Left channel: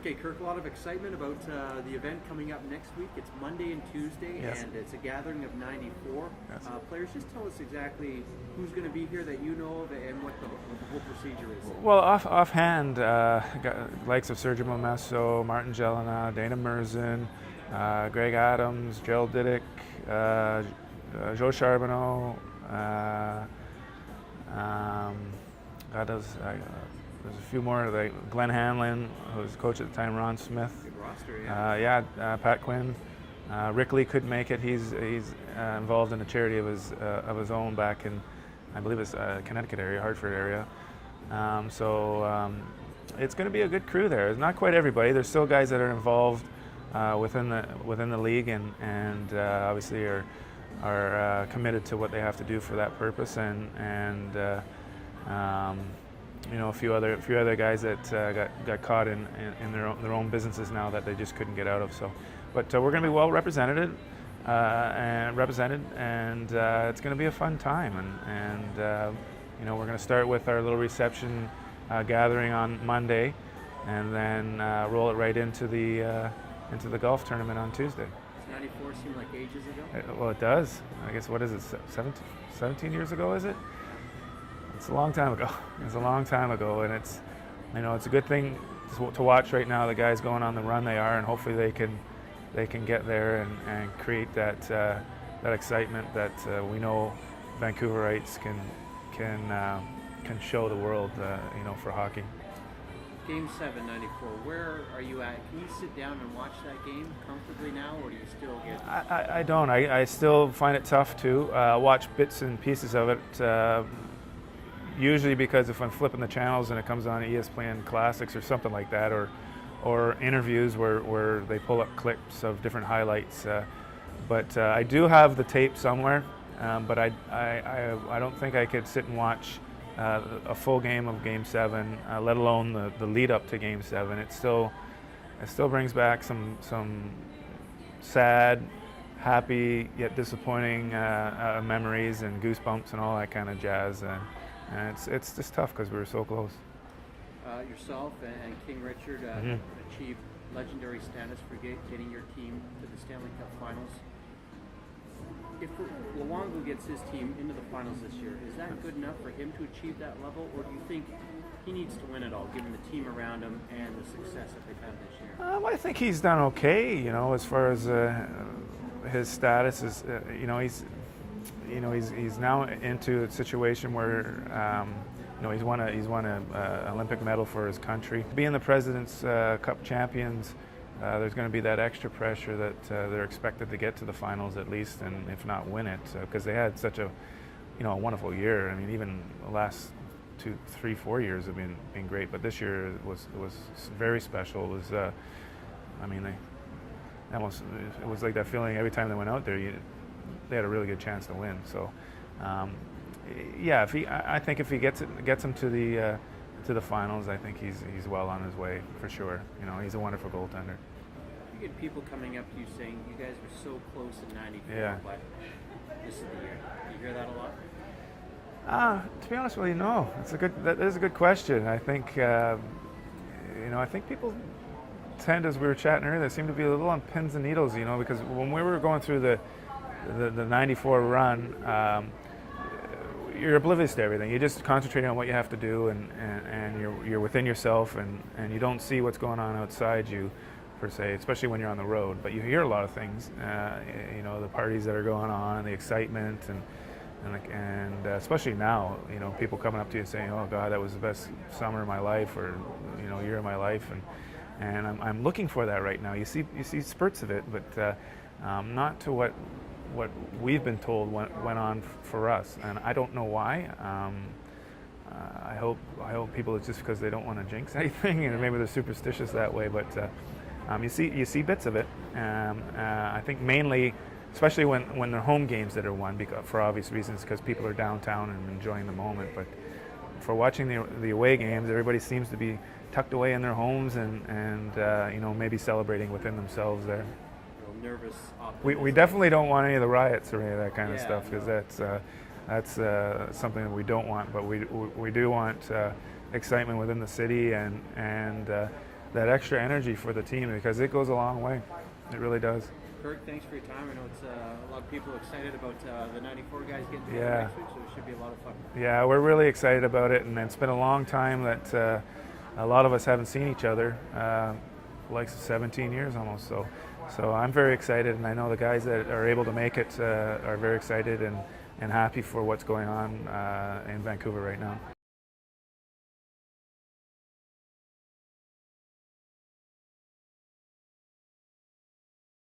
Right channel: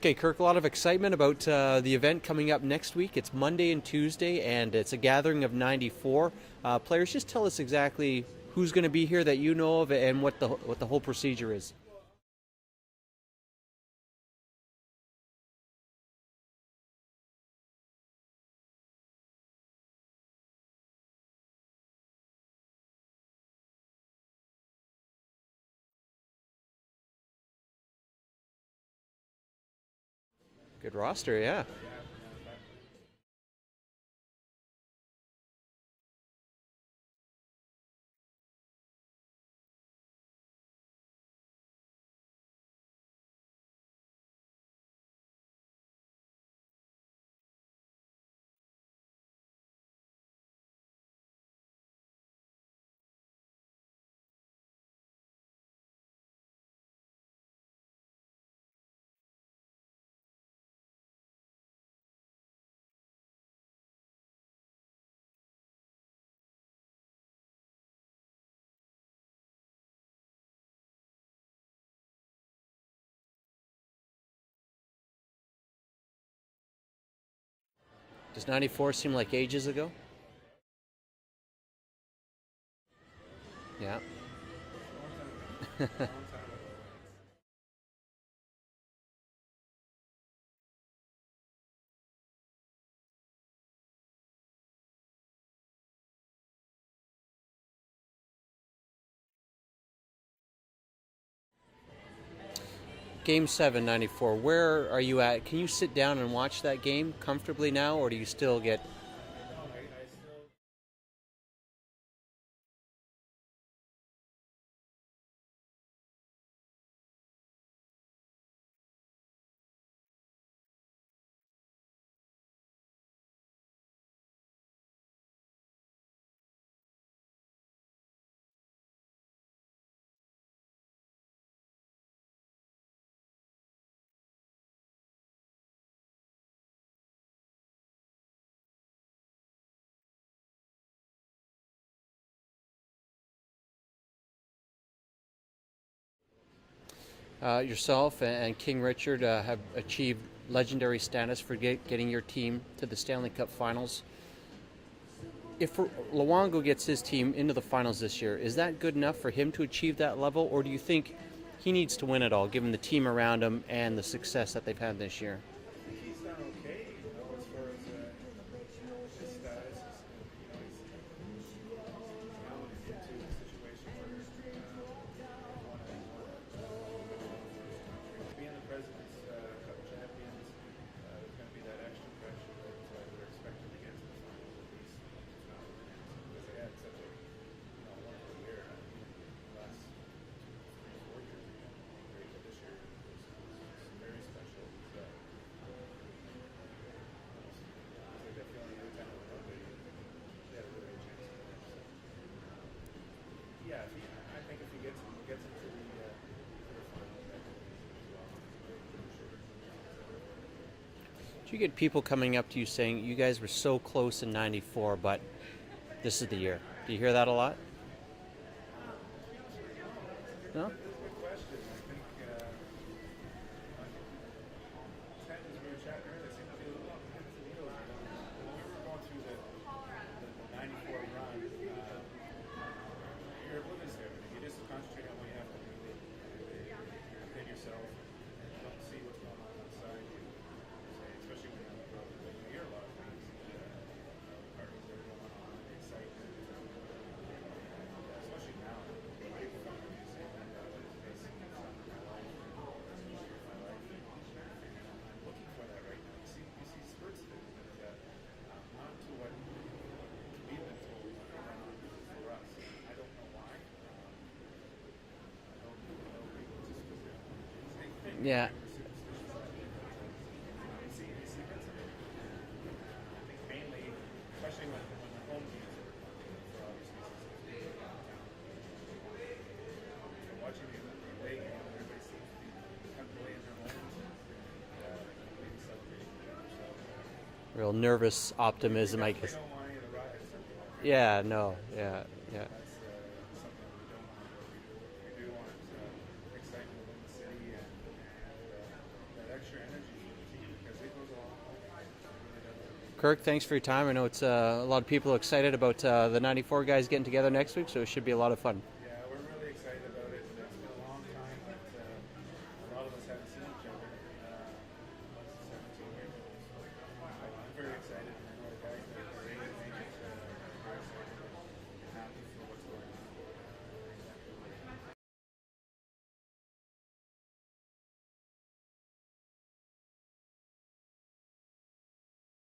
Okay, Kirk, a lot of excitement about the event coming up next week. It's Monday and Tuesday, Yes. and it's a gathering of 94 Yes. players. Just tell us exactly who's going to be here that you know of, and what the whole procedure is. Well, offhand, got likes of Sergio Momesso, Martin Jelena, Dana Merzen, Greg Adams, Gerald Didick, Joe Charbonneau. God does. There's a few more, like Glenn Hanlon, who was coach at the time, Ron Smith. Good roster, yeah. Pat Quinn. Rick Lee couldn't make it. He's involved in a charity of his own back in, I believe it's Connecticut area, Hartford area. It's going to be a good crew there. It's not quite everybody. There's still guys that are involved within the league and obviously are committed to what they have to do for that purpose and a few other guys that got caught in their own businesses now that they just couldn't get out of. But we're going to be well represented, and it's going to be a fun time. We're going to start with our little reception gathering on Monday, and then roll it right into the golf tournament on Tuesday. Does 94 seem like ages ago? Well, it does. I guess, what is it, 17 years ago, is it? Yeah. It's a long time ago. It's a long time ago, and it's a good thing to watch right now. The guys going on the run they are, and hopefully they can get there and create that excitement that we know Vancouverites can show the world, for hockey. Game 7, 94. Where are you at? Can you sit down and watch that game comfortably now, or do you still get... I don't. I still find it tough to watch bits and pieces of it. Usually because if I'm flipping the channels and it comes on ESPN Classics or something like that, or interviews where they pull up clips of different highlights. But I do have the tape somewhere, but I don't think I could sit and watch a full game of Game 7, let alone the lead up to Game 7. It still brings back some sad, happy yet disappointing memories and goosebumps and all that kind of jazz. And it's just tough because we were so close. Yourself and King Richard have achieved legendary status for getting your team to the Stanley Cup Finals. If Luongo gets his team into the finals this year, is that good enough for him to achieve that level, or do you think he needs to win it all, given the team around him and the success that they've had this year? I think he's done okay, as far as his status is. He's now into a situation where he's won an Olympic medal for his country. Being the President's Cup champions, there's going to be that extra pressure that they're expected to get to the finals at least, and if not win it, because they had such a wonderful year. I mean, even the last 2, 3, 4 years have been great, but this year was very special. It was, it was like that feeling every time they went out there. They had a really good chance to win. So, I think if he gets him to the finals, I think he's well on his way for sure. He's a wonderful goaltender. Do you get people coming up to you saying, "You guys were so close in '94, but this is the year"? Do you hear that a lot? To be honest with you, no. That is a good question. I think I think people tend, as we were chatting earlier, they seem to be a little on pins and needles. Because when we were going through the '94 run, you're oblivious to everything. You're just concentrating on what you have to do, and you're within yourself, and you don't see what's going on outside you, per se, especially when you're on the road. But you hear a lot of things, the parties that are going on, the excitement, and especially now, people coming up to you saying, "Oh God, that was the best summer of my life," or year of my life, and I'm looking for that right now. You see spurts of it, but not to what we've been told went on for us, and I don't know why. I hope people, it's just because they don't want to jinx anything, and maybe they're superstitious that way. But you see bits of it. I think mainly, especially when they're home games that are won, for obvious reasons, because people are downtown and enjoying the moment. But for watching the away games, everybody seems to be tucked away in their homes and maybe celebrating within themselves there. Real nervous optimism. We definitely don't want any of the riots or any of that kind of stuff. No. That's something that we don't want, but we do want excitement within the city, and that extra energy for the team, because it goes a long way. It really does. Kirk, thanks for your time. I know it's a lot of people excited about the 94 guys getting together next week, so it should be a lot of fun. Yeah, we're really excited about it, and it's been a long time that a lot of us haven't seen each other, like 17 years almost. So I'm very excited, and I know the guys that are able to make it are very excited and happy for what's going on in Vancouver right now.